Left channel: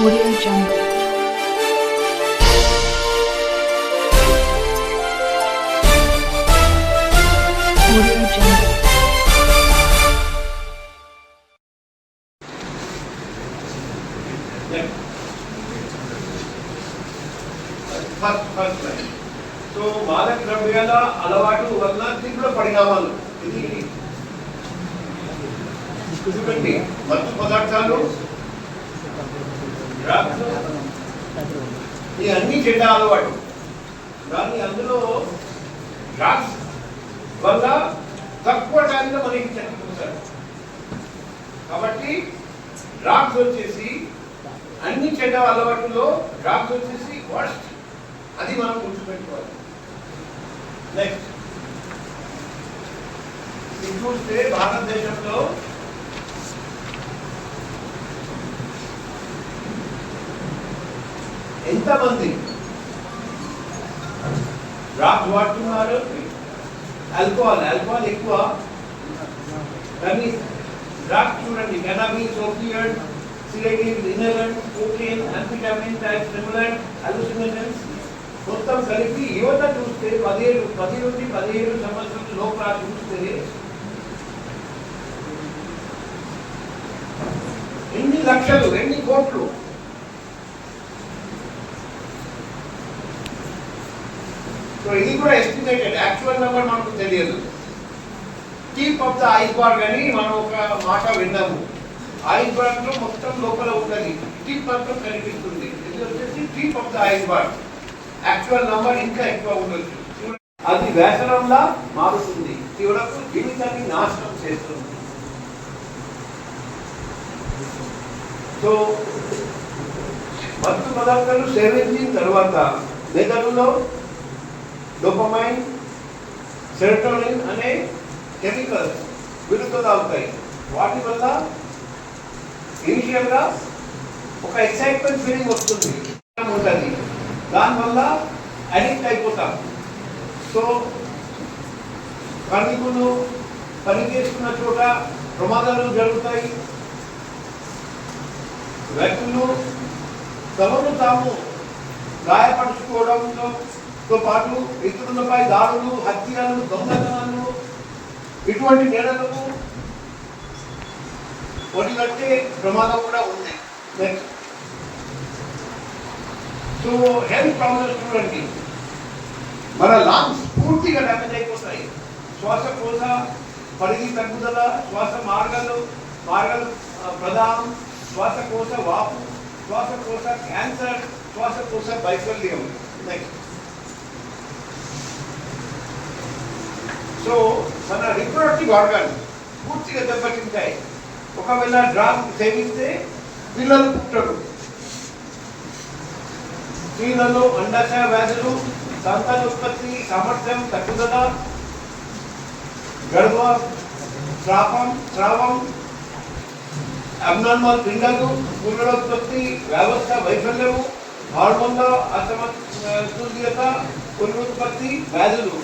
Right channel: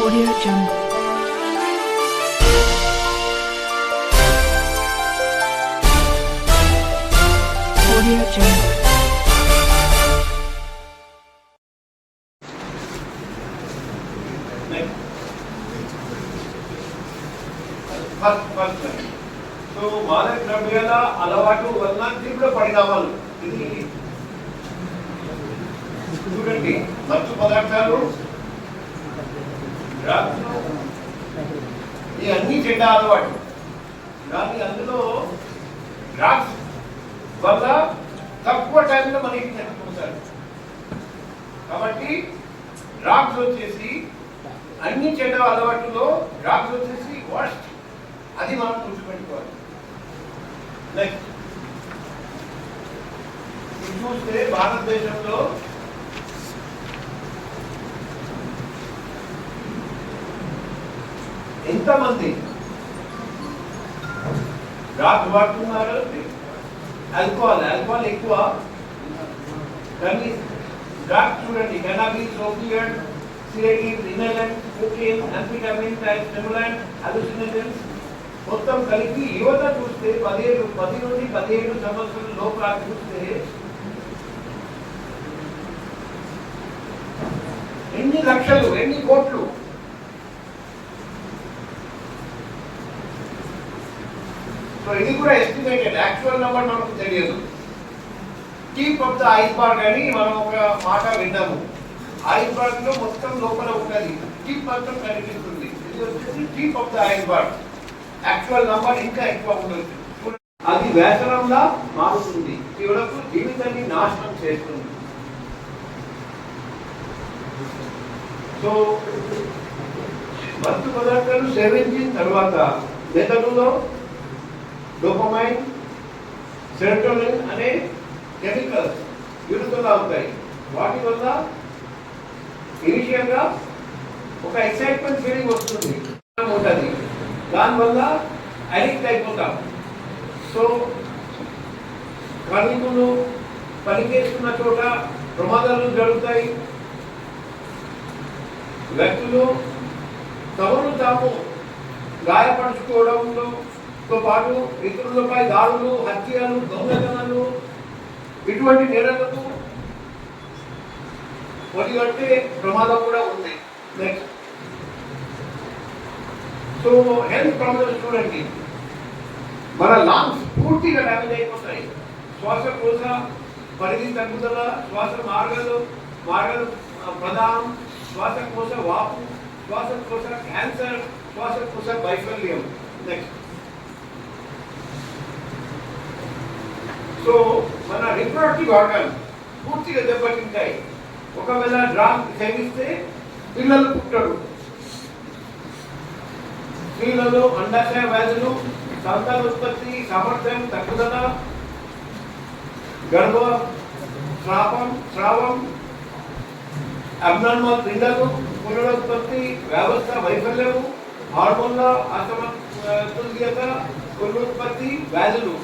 Audio Jungle. Audio Jungle. First so మాదక ద్రవ్యాల అలవాటు వలన తీవ్ర పరిణామాలు ఇది చూడండి. మత్తు పదార్థాలు, ఈ అన్ని చెడ్డ అలవాటు. కానీ అందులో డ్రగ్స్ వల్ల తక్కువ టైంలో మనకి చనిపోతారు. కాబట్టి డ్రగ్స్ వచ్చేసి అన్ని చెడ్డ అలవాటులో డ్రగ్స్ వచ్చేసి వర్స్ట్. అది మనం గుర్తుపెట్టుకోవాలి. నెక్స్ట్ చూస్తే భారతదేశంలో ఎంతమంది డ్రగ్స్ వాడుతున్నారు? ఆల్కహాల్ ఎక్కువ. కానీ డ్రగ్స్ చూడండి, కెనాబిస్, ఓపియాయిడ్, సిరేటిన్, inhalant, cocaine, amphetamine type stimulant, hallucinations మొత్తం కలిపి యువత చూస్తే 10 నుండి 17 సంవత్సరాల లోపల చూస్తే ఎన్ని లక్షలు, ఎన్ని కోట్లు. సో ఇది కూడా ఎస్టిమేటెడ్, యాక్చువల్ నెంబర్ మనకు తెలియదు. టిప్ ఆఫ్ ద ఐస్బర్గ్ అని మనం ఒక మాట విన్నాము. ఐస్బర్గ్ లో మొత్తం లోపల ఉన్నది, టిప్ మొత్తం కనిపిస్తుంది. ఇది వచ్చేసి tip of the iceberg. Actual number ఇంకా ఎక్కువ ఉండొచ్చు. అది వ్యసనంలా మారుతుంది, చివరకు జీవితాన్ని నాశనం చేస్తుంది. సో మత్తు పదార్థాలు సేవించిన తర్వాత మెదడులో డోపమైన్, సెరోటోనిన్ అనే కెమికల్స్ విడుదల అవుతాయి. వాటి వల్ల ఇనిషియల్ గా ఒక ఎక్సైట్మెంట్ ఫీలింగ్ వస్తుంది, ఉంటుంది. దానివల్ల అడిక్ట్ అయిపోతాం. సో కార్మికులు పనిచేస్తున్న చోట ప్రమాదాలు జరుగుతాయి. వ్యక్తులు తమను తాము గాయపరుచుకోవడంతో పాటు ఇతరులపై దాడులు, హత్యలు, దొంగతనాలు ఇటువంటి నేరాలకు ఒడిగట్టే ప్రమాదం కూడా ఉంది. నెక్స్ట్ సో హెల్త్ ప్రాబ్లమ్స్ చూడండి, మన లంగ్స్ పూర్తిగా డ్యామేజ్ అయిపోతాయి. శ్వాసకోశ పరిధి తగ్గుదల, శ్వాస మార్గాలు ప్రధానం, శ్వాసకోశ వాపు, శ్వాసకోశ క్యాన్సర్, శ్వాసకోశ వైఫల్యం. నెక్స్ట్ సో మన రిప్రొడక్టివ్ ఆర్గాన్ పూర్తిగా దెబ్బతింటాయి. ఒకవేళ డ్రగ్ సేవిస్తే పిల్లలు పుట్టరు. స్త్రీలలో అండాశయ వ్యాధులు, సంతానోత్పత్తి సామర్థ్యం తగ్గుదల, స్రావం, అబ్నార్మల్ పిండాలు, పునరుత్పత్తి వ్యవస్థ వైఫల్యము, హార్మోన్ల అసమతుల్యత, పునరుత్పత్తి వ్యాధులు,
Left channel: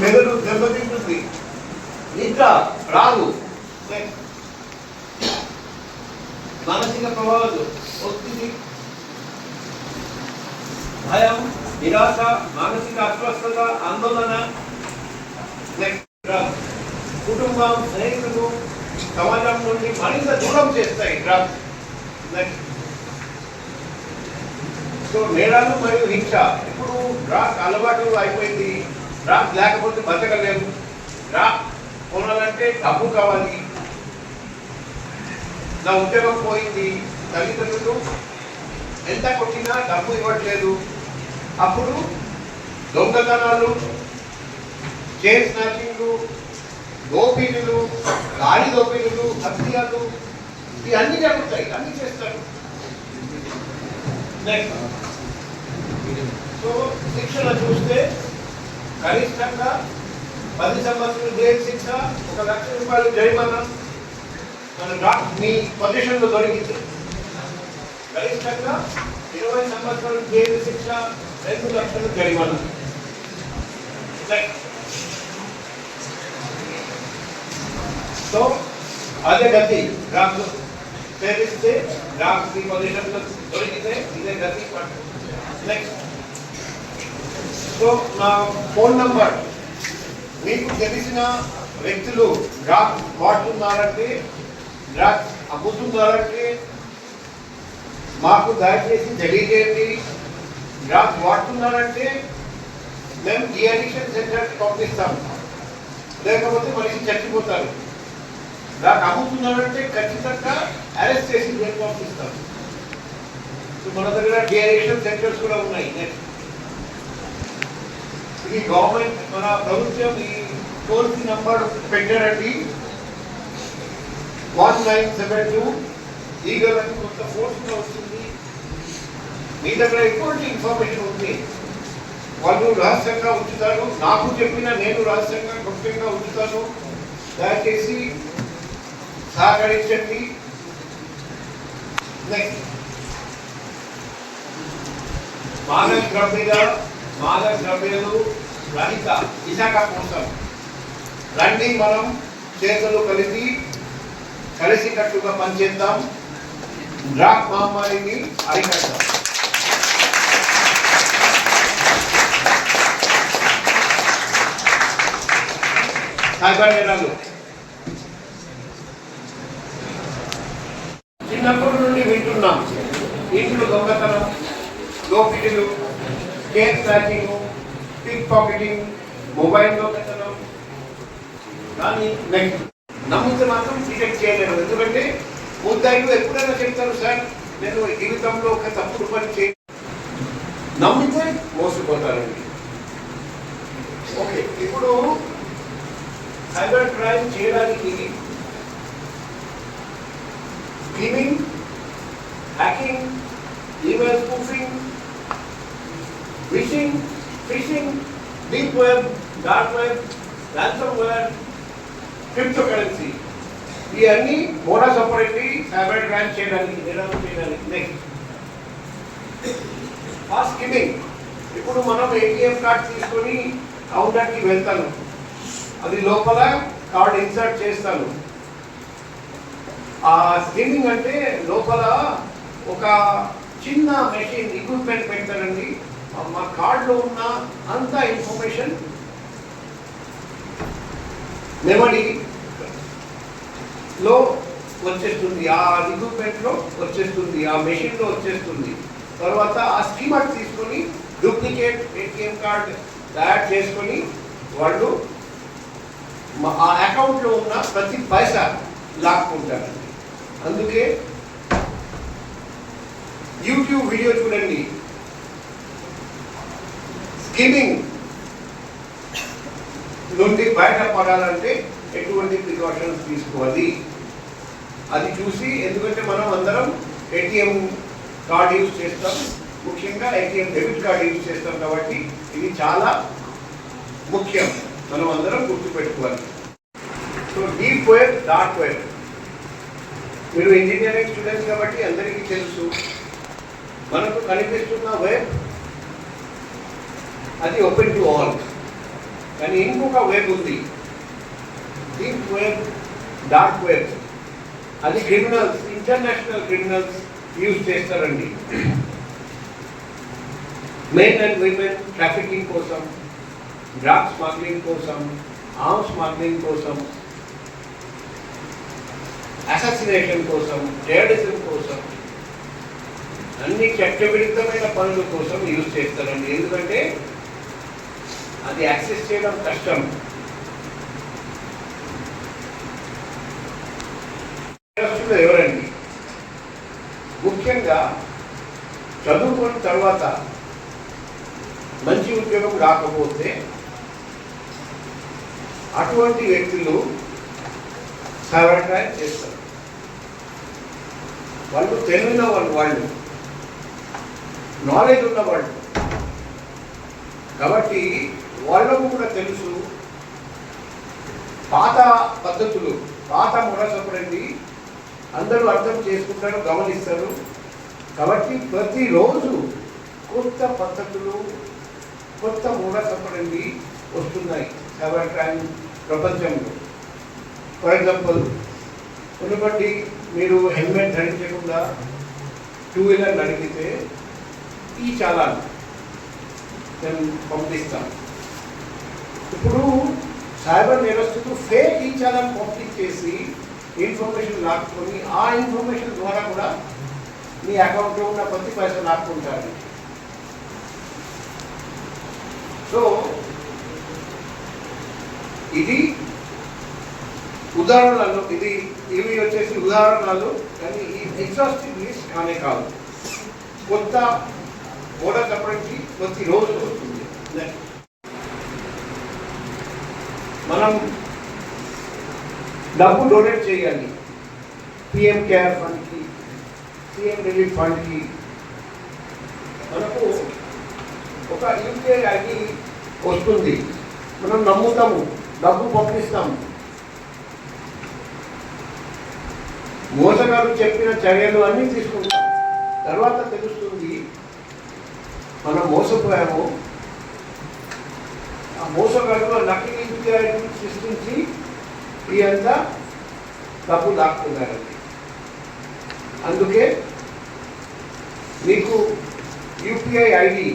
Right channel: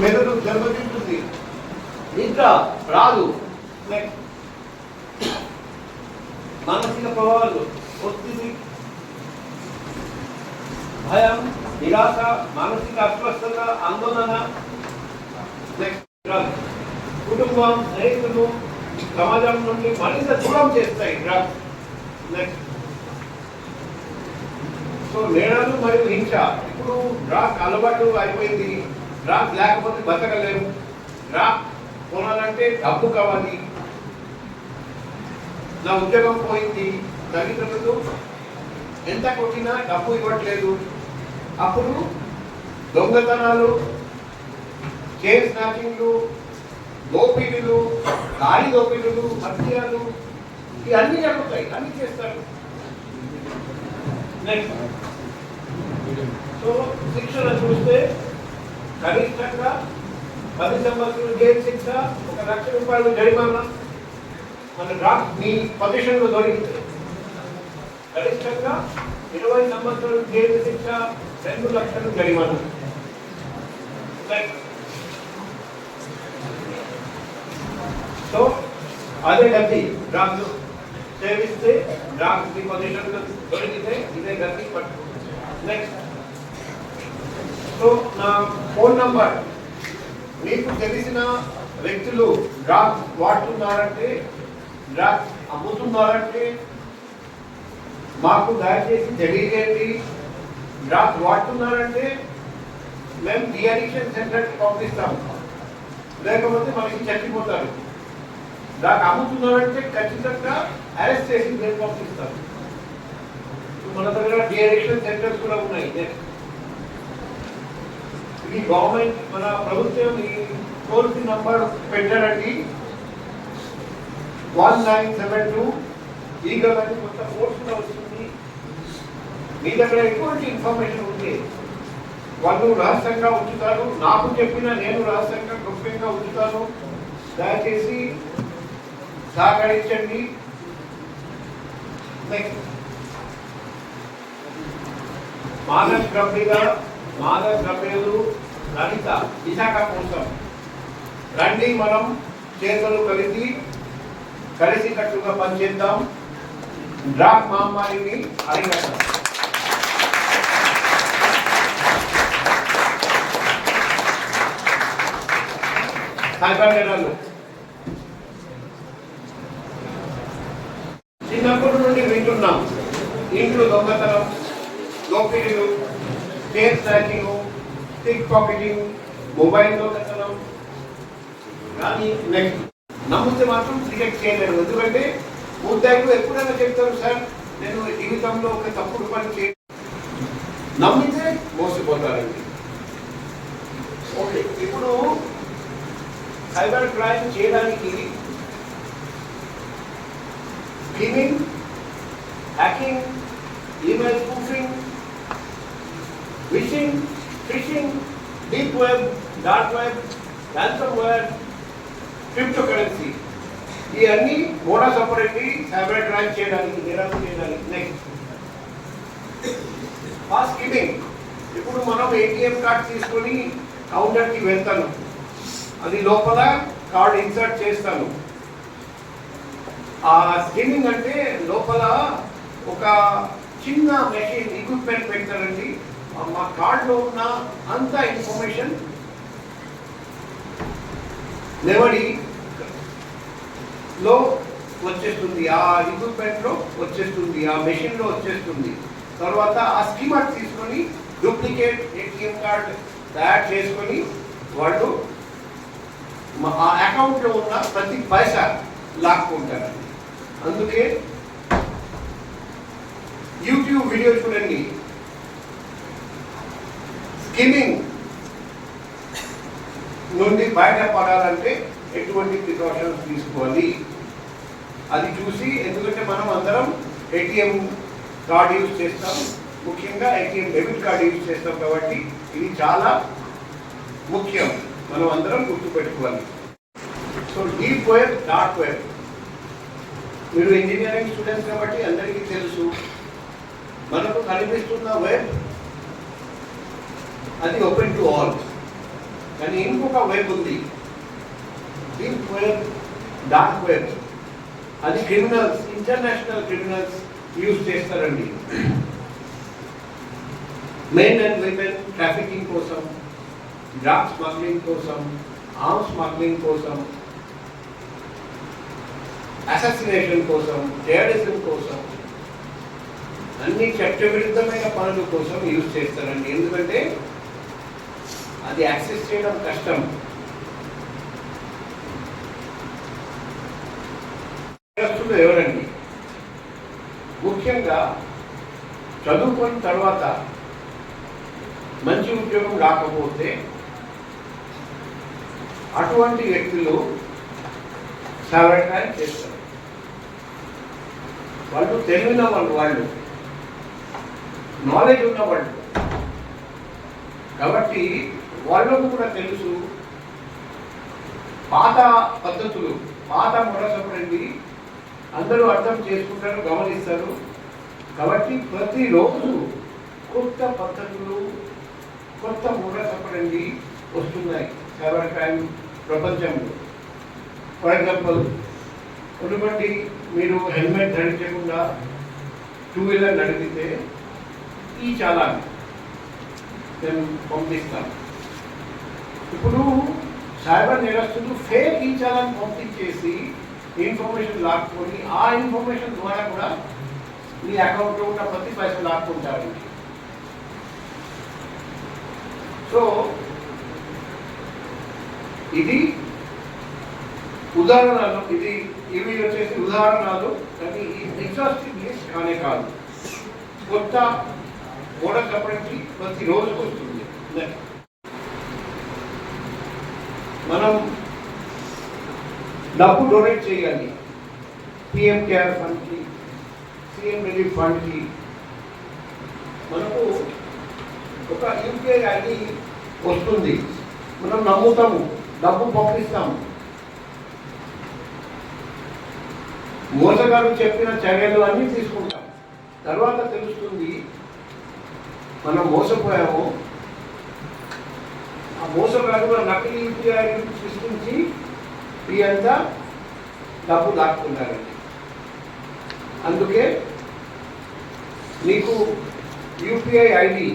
మెదడు దెబ్బతింటుంది, నిద్ర రాదు. మానసిక ప్రభావాలు, ఒత్తిడి, భయం, నిరాశ, మానసిక అస్వస్థత, ఆందోళన, కుటుంబం, స్నేహితులు, సమాజం నుండి మరింత దూరం చేస్తాయి డ్రగ్స్. నెక్స్ట్ సో నేరాలు మరియు హింస. ఇప్పుడు డ్రగ్స్ అలవాటు అయిపోయింది, డ్రగ్స్ లేకపోతే బతకలేము. డ్రగ్స్ కొనాలంటే డబ్బు కావాలి. నా ఉద్యోగం పోయింది, తల్లిదండ్రులు ఎంత కొట్టినా డబ్బు ఇవ్వట్లేదు. అప్పుడు దొంగతనాలు, చైన్ స్నాచింగ్లు, దోపిడీలు, గాలి దోపిడీలు, హత్యలు ఇవన్నీ జరుగుతాయి, అన్ని చేస్తారు. నెక్స్ట్ సో శిక్షణ చూస్తే గరిష్టంగా 10 సంవత్సరాలు జైలు శిక్ష, 1 లక్ష రూపాయలు జరిమానా. మన డ్రగ్స్ మీ పొజిషన్లో దొరికింది. గరిష్టంగా 20 సంవత్సరాలు జైలు శిక్ష, 2 లక్షలు జరిమానా. సో అదే గతి డ్రగ్స్. సేవిస్తే డ్రగ్స్ కి పొజిషన్లో దొరికితే ఇదే గతి పట్టు. నెక్స్ట్, సో నా ఫోన్ నంబర్, మీకు తెలిసిన వ్యక్తులు డ్రగ్స్ వాడుతున్నారంటే, డ్రగ్స్ అమ్ముతున్నారంటే మాకు దయచేసి తెలియజేయండి. డ్రగ్స్ వాడుతున్నారంటే మేము డిఅడిక్షన్ సెంటర్కి పంపిస్తాం, లేకపోతే మనిషి చచ్చిపోతారు. డ్రగ్ అమ్ముతున్నారంటే ఖచ్చితంగా అరెస్ట్ చేసి జైలు పంపిస్తాం. మన దగ్గర డిఅడిక్షన్ సెంటర్స్ కూడా ఉన్నాయి. ఇది గవర్నమెంట్, మన ప్రభుత్వం ఈ టోల్ ఫ్రీ నంబర్ పెట్టారండి 1972. ఈ గవర్నమెంట్ కొంత ఫోర్స్గా వస్తుంది. మీ దగ్గర ఎటువంటి ఇన్ఫర్మేషన్ ఉంది వాళ్ళు రహస్యంగా ఉంచుతారు. నాకు చెప్పిన నేను రహస్యంగా గుప్తంగా ఉంచుతాను. దయచేసి సహకరించండి. నెక్స్ట్, మాదక ద్రవ్యాలు రహిత విశాఖ కోసం రండి, మనం చేతులు కలిసి కట్టుగా పనిచేద్దాం. డ్రగ్ మహమ్మారిని అరికడతాం. సైబర్ నేరాలు చిన్నప్పటి నుండి వింటున్నాం. ఇంట్లో దొంగతనం, దోపిడీలు, కేక్ స్నాచింగ్, పిక్ పాకెటింగ్, మొబైల్ దొంగతనం. కానీ నెక్స్ట్ నమ్మితే మాత్రం డిటెక్ట్ చేయలేరు. ఎందుకంటే ముద్దాయిలు ఎప్పుడైనా చెప్తారు, సార్ నేను జీవితంలో ఒక తప్పుడు పని చేయ, నమ్మితే మోసపోతారండి. ఓకే, ఇప్పుడు సైబర్ క్రైమ్ చేయడానికి scheming, hacking, email spoofing, fishing, deep web, dark web, ransomware, cryptocurrency, ఇవన్నీ మోడస్ ఆపరేండి సైబర్ క్రైమ్ చేయడానికి, నేరాలు చేయడానికి. Next, scheming. ఇప్పుడు మనం ఏటీఎం కార్డ్ తీసుకొని కౌంటర్కి వెళ్తాను, అది లోపల కార్డ్ ఇన్సర్ట్ చేస్తాను. ఆ స్కీమింగ్ అంటే లోపల ఒక చిన్న మెషిన్ ఎక్విప్మెంట్ పెడతారండి. మా కార్డులో ఉన్న అంత ఇన్ఫర్మేషన్ మెమరీ లో వచ్చేస్తుంది, ఆ ఎక్విప్మెంట్ లో వచ్చేస్తుంది, ఆ మెషిన్ లో వచ్చేస్తుంది. తర్వాత ఆ స్కీమర్ తీసుకొని డూప్లికేట్ ఏటీఎం కార్డ్ తయారు చేసుకొని వాళ్ళు ఆ అకౌంట్ లో ఉన్న ప్రతి పైసా లాక్కుంటారు. అందుకే యూట్యూబ్ వీడియో చూడండి. స్కీమింగ్ నుండి బయటపడాలంటే ఎటువంటి ప్రికాషన్స్ తీసుకోవాలి అది చూసి, ఎందుకంటే మనం అందరం ఏటీఎం కార్డ్ యూజ్ చేస్తాం, ముఖ్యంగా ఏటీఎం డెబిట్ కార్డ్ యూజ్ చేస్తాం. కాబట్టి ఇది చాలా ముఖ్యం, మనం అందరం గుర్తుపెట్టుకోవాలి. So deep web, dark web, మీరు ఇంజనీరింగ్ స్టూడెంట్స్ కాబట్టి అందరికీ తెలుసు. మనకు కనిపిస్తున్న వెబ్ అది ఓపెన్ టు ఆల్, కానీ ఇంకొక వెబ్ ఉంది, డీప్ వెబ్, డార్క్ వెబ్. అది క్రిమినల్స్, ఇంటర్నేషనల్ క్రిమినల్స్ యూజ్ చేస్తారండి. మెన్ అండ్ విమెన్ ట్రాఫికింగ్ కోసం, డ్రగ్ స్మగ్లింగ్ కోసం, ఆర్మ్స్ స్మగ్లింగ్ కోసం, అసాసినేషన్ కోసం, టెర్రరిజం కోసం, అన్ని చట్టవిరుద్ధమైన పనుల కోసం యూజ్ చేస్తారండి. ఎందుకంటే అది యాక్సెస్ చేయడం కష్టం. ఎవరండి ముఖ్యంగా చదువుకున్న తర్వాత మంచి ఉద్యోగం రాకపోతే అటువంటి వ్యక్తులు సైబర్ క్రైమ్ చేస్తారు. వాళ్ళు తెలివిన వాళ్ళు నాలెడ్జ్ ఉన్న వాళ్ళు కాబట్టి వాళ్ళకు కూడా తెలుసు పాత పద్ధతులు, పాత మొరసపడింది అందరూ అర్థం చేసుకుంటారు, గమనిస్తారు. కాబట్టి ప్రతిరోజు కొత్త పద్ధతులు, కొత్త మొరసపడింది వస్తున్నాయి సైబర్ క్రైమ్ ప్రపంచంలో. ఫర్ ఎగ్జాంపుల్ ఎందుకంటే మీరు హెల్మెట్ ధరించకుండా టూ వీలర్ నడిపితే ఈ చాలాన్ నేను పంపిస్తాను. ఇప్పుడు సైబర్ నేరస్తులు ఫేక్ ఈ చాలాన్ పంపించేసి ఇన్ఫర్మేషన్ లాక్కొని ఆ ఇన్ఫర్మేషన్ ద్వారా కూడా మీ అకౌంట్లో ఉన్న ప్రతి పైసలు లాక్కుంటారు. సో ఇది ఉదాహరణలు, ఇవి వచ్చేసి ఉదాహరణలు, కానీ ఈ ఎగ్జాస్టివ్ లిస్ట్ కానే కాదు. కొత్త మోడల్ అప్పటికి ప్రతిరోజు వస్తుంది. మనం డబ్బు డొనేట్ చేయాలి. పిఎం కేర్ ఫండ్కి, సీఎం రిలీఫ్ ఫండ్కి. మనకు ఒక యూపీఐ ఐడి వస్తుంది, మనం నమ్ముతాము, డబ్బు పంపిస్తాము. మోసగారు చెప్పిన చర్యలు అన్నీ తీసుకుంటాం. తర్వాత తెలుస్తుంది మనం మోసపోయాము. ఆ మోసగారుల నకిలీ యూపీఐ ఐడి సృష్టించి ఈ అంతా డబ్బు దాక్కున్నారండి. అందుకే మీకు యూపీఐ ఐడి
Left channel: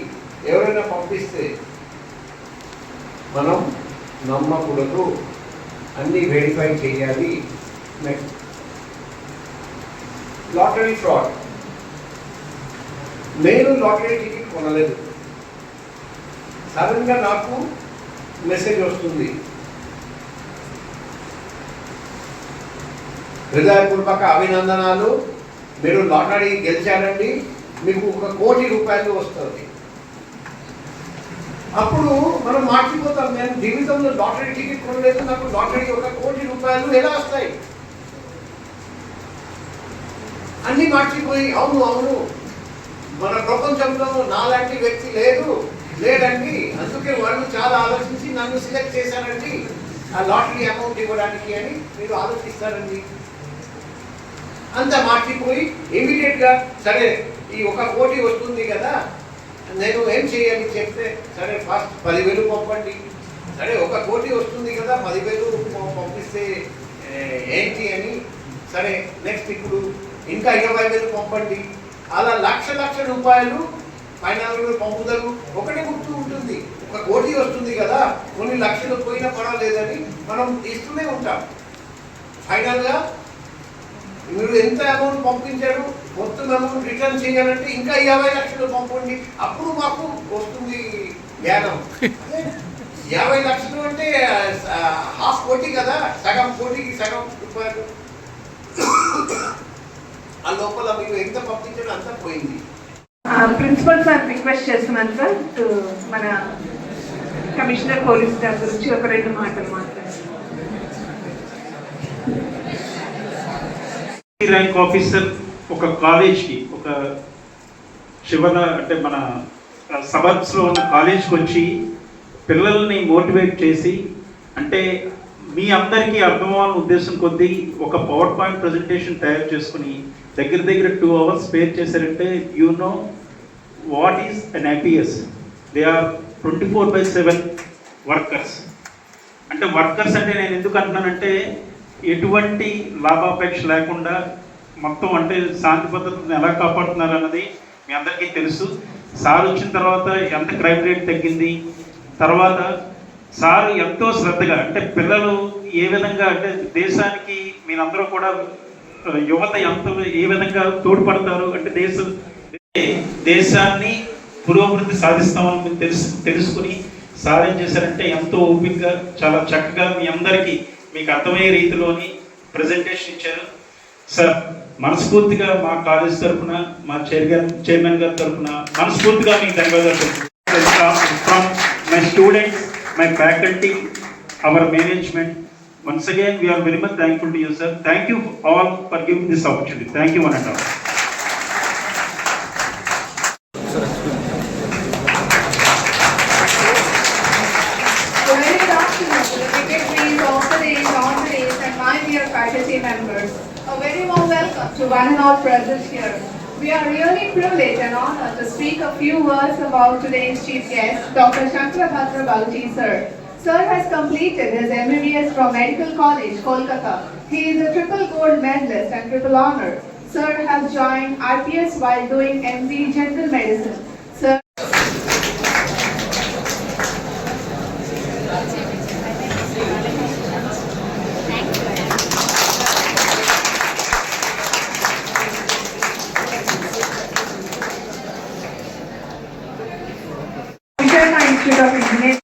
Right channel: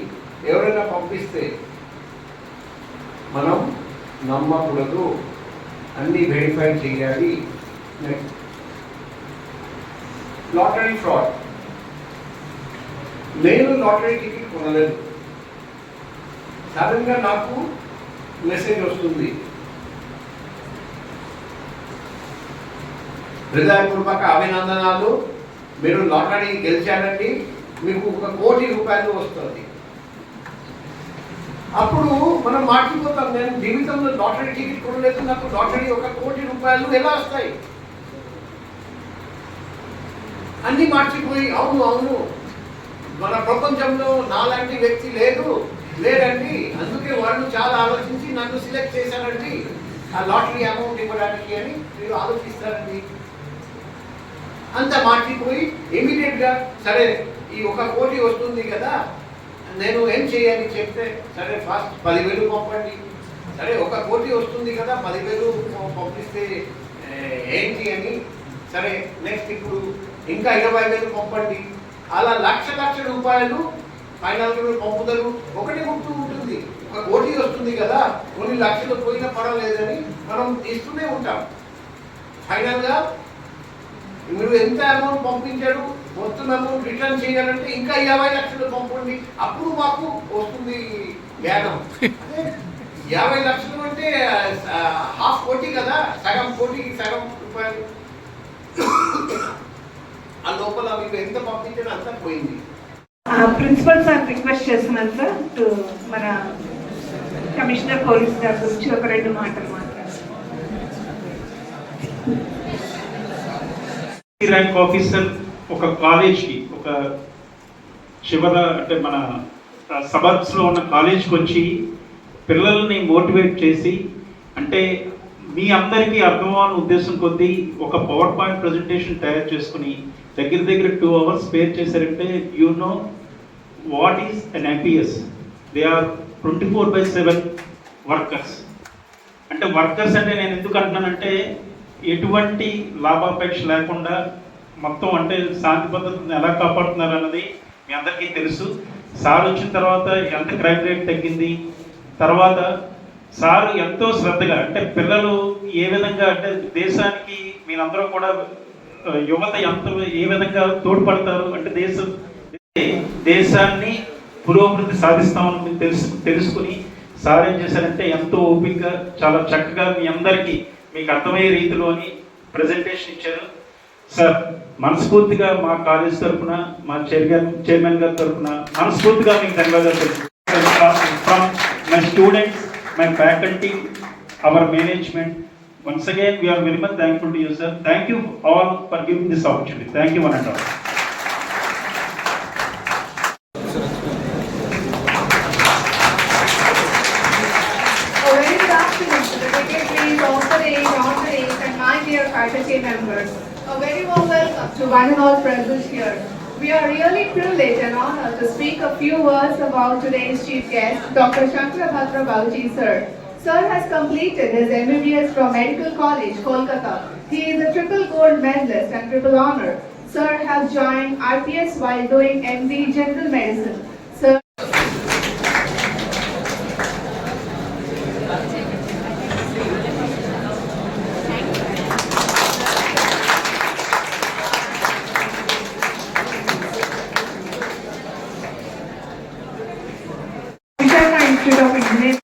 ఎవరైనా పంపిస్తే మనం నమ్మకూడదు, అన్నీ వెరిఫై చేయాలి. Next lottery fraud. నేను లాటరీ టికెట్ కొనలేదు, సడన్గా నాకు మెసేజ్ వస్తుంది, హృదయపూర్వక అభినందనాలు, మీరు లాటరీ గెలిచారండి, మీకు 1 కోటి రూపాయలు వస్తుంది. అప్పుడు మనం మార్చిపోతాం, నేను జీవితంలో లాటరీ టికెట్ కొనలేదు, నాకు లాటరీ 1 కోటి రూపాయలు ఎలా వస్తాయి? అన్నీ మార్చిపోయి అవును అవును మన ప్రపంచంలో నాలాంటి వ్యక్తి లేదండి, అందుకే వాళ్ళు చాలా ఆలోచించి నన్ను సెలెక్ట్ చేశారండి ఆ లాటరీ అమౌంట్ ఇవ్వడానికి అని మీరు ఆలోచిస్తారండి. అంత మార్చిపోయి ఇమీడియట్గా సరే ఈ 1 కోటి వస్తుంది కదా, నేను ఏం చేయాలి చెప్తే, సరే ఫస్ట్ 10,000 పంపండి. సరే 1 కోటి వస్తుంది కదా, 10,000 పంపిస్తే ఏంటి అని, సరే నెక్స్ట్ ఇప్పుడు ఇంకా 20,000 పంపండి. అలా లక్ష రూపాయలు ఫైనల్గా పంపుతారు. ఒకటి గుర్తు ఉంటుంది, 1 కోటి వస్తుంది కదా, కొన్ని లక్షలు పోయినా పర్వాలేదని మనం ఇస్తూనే ఉంటాం. ఫైనల్గా మీరు ఎంత అమౌంట్ పంపించారు, మొత్తం అమౌంట్ రిటర్న్ చేయాలంటే ఇంకా 50 లక్షలు పంపండి, అప్పుడు మాకు వస్తుంది జ్ఞానం. 50 లక్షలు అంటే 1/2 కోటి కదా, సగం కోటికి సగం రూపాయలు. ఆ లోపల మీరు ఎంత పంపించారో అంతా పోయింది. ప్రిన్సిపల్ సార్ రిక్వెస్ట్ చేస్తున్నాను సార్, మన కమిషనర్ పోలీస్ గారి గురించి ఒక 2 మాటలు మాట్లాడారు. ర్యాంక్ ఆఫీసర్ ఒక కాలేజ్కి, ఒక చివర అంటే మన సబర్బ్స్లో ఉన్న కాలేజ్కి వచ్చి పిల్లల్ని మోటివేట్ చేసి, అంటే మీ అందరికీ అర్థమవని ఉద్దేశం కొద్దీ ఒక పవర్ పాయింట్ ప్రజెంటేషన్ తయారు చేసుకుని దగ్గర 2 hours స్పేర్ చేశారంటే you know what is an IPS. They are 24/7 workers. అంటే వర్కర్స్ అంటే నేను ఎందుకు అంటున్నానంటే ఎటువంటి లాభాపేక్ష లేకుండా మొత్తం అంటే శాంతి భద్రతను ఎలా కాపాడుతున్నారు అన్నది మీ అందరికీ తెలుసు. సార్ వచ్చిన తర్వాత ఎంత క్రైమ్ రేట్ తగ్గింది, తర్వాత సార్ ఎంతో శ్రద్ధగా అంటే పిల్లలు ఏ విధంగా అంటే దేశానికి మీరందరూ కూడా యువత ఎంత ఏ విధంగా తోడ్పడతారు అంటే దేశాన్ని పురోభివృద్ధి సాధిస్తామని తెలుసుకుని సార్ ఏం చేశారంటే ఎంతో ఓపికగా చాలా చక్కగా మీ అందరికీ మీకు అర్థమయ్యే రీతిలోని ప్రజెంటేషన్ ఇచ్చారు. సార్ మనస్ఫూర్తిగా మా కాలేజ్ తరఫున, మా చైర్మన్ గారి తరఫున మనస్ఫూర్తిగా మీకు ధన్యవాదాలు. My students, my faculty, our management, once again we are very much thankful to you, sir. Thank you all for giving this opportunity. Thank you one and all. Very good afternoon to the dignitaries, honorees, and my dear faculty members. A very warm welcome to one and all present here. We are really privileged and honored to speak a few words about today's chief guest, Dr. Shankara Bhadra Baluji, sir. Sir has completed his MBBS from Medical College, Kolkata. He is a triple gold medalist and triple honor. Sir has joined RPS while doing MD General Medicine. Sir Visakhapatnam Institute of Engineering.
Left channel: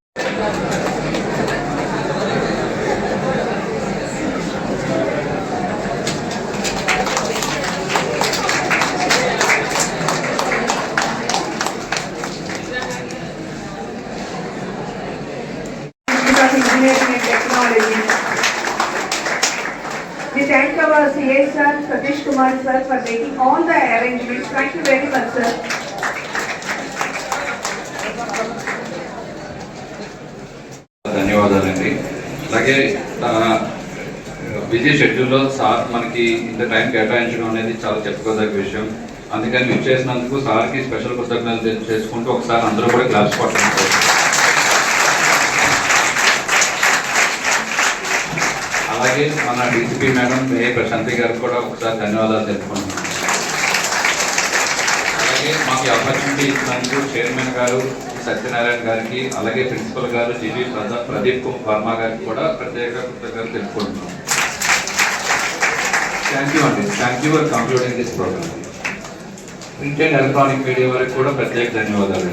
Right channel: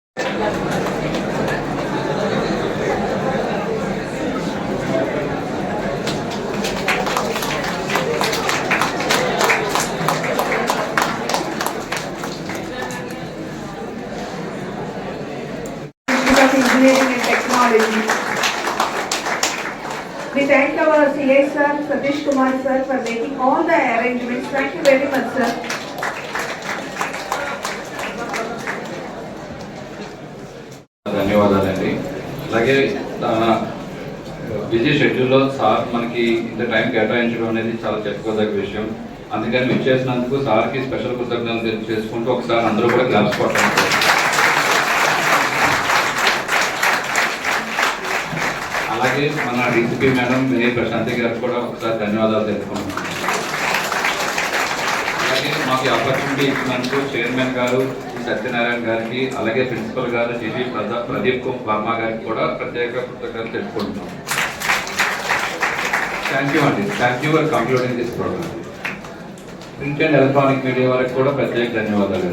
Institute of Engineering and Technology. We thank our CA sir, Satish Kumar sir, for making all the arrangements. Thank you very much, sir. ధన్యవాదాలండి. అలాగే busy షెడ్యూల్లో sir మనకి ఇంత time కేటాయించడం అనేది చాలా చెప్పుకోదగ్గ విషయం. అందుకని మీరు చేసినందుకు సార్కి స్పెషల్ కృతజ్ఞతలు చేసుకుంటూ ఒకసారి అందరూ కూడా క్లాప్స్ కొట్టండి. అలాగే మన డీసీపీ మేడం ఏ ప్రశాంతి గారికి కూడా ఒకసారి ధన్యవాదాలు తెలుపుకుంటున్నాను. అలాగే మాకు ఆపర్చునిటీ ఇచ్చినందుకు చైర్మన్ గారు సత్యనారాయణ గారికి, అలాగే ప్రిన్సిపల్ గారు జీవి ప్రదీప్ వర్మ గారికి కూడా ప్రత్యేక కృతజ్ఞతలు తెలుపుకుంటున్నాం. థ్యాంక్ యూ అండి. Thank you for concluding this programme. Print and electronic media వారికి కూడా ప్రత్యేక ధన్యవాదాలు.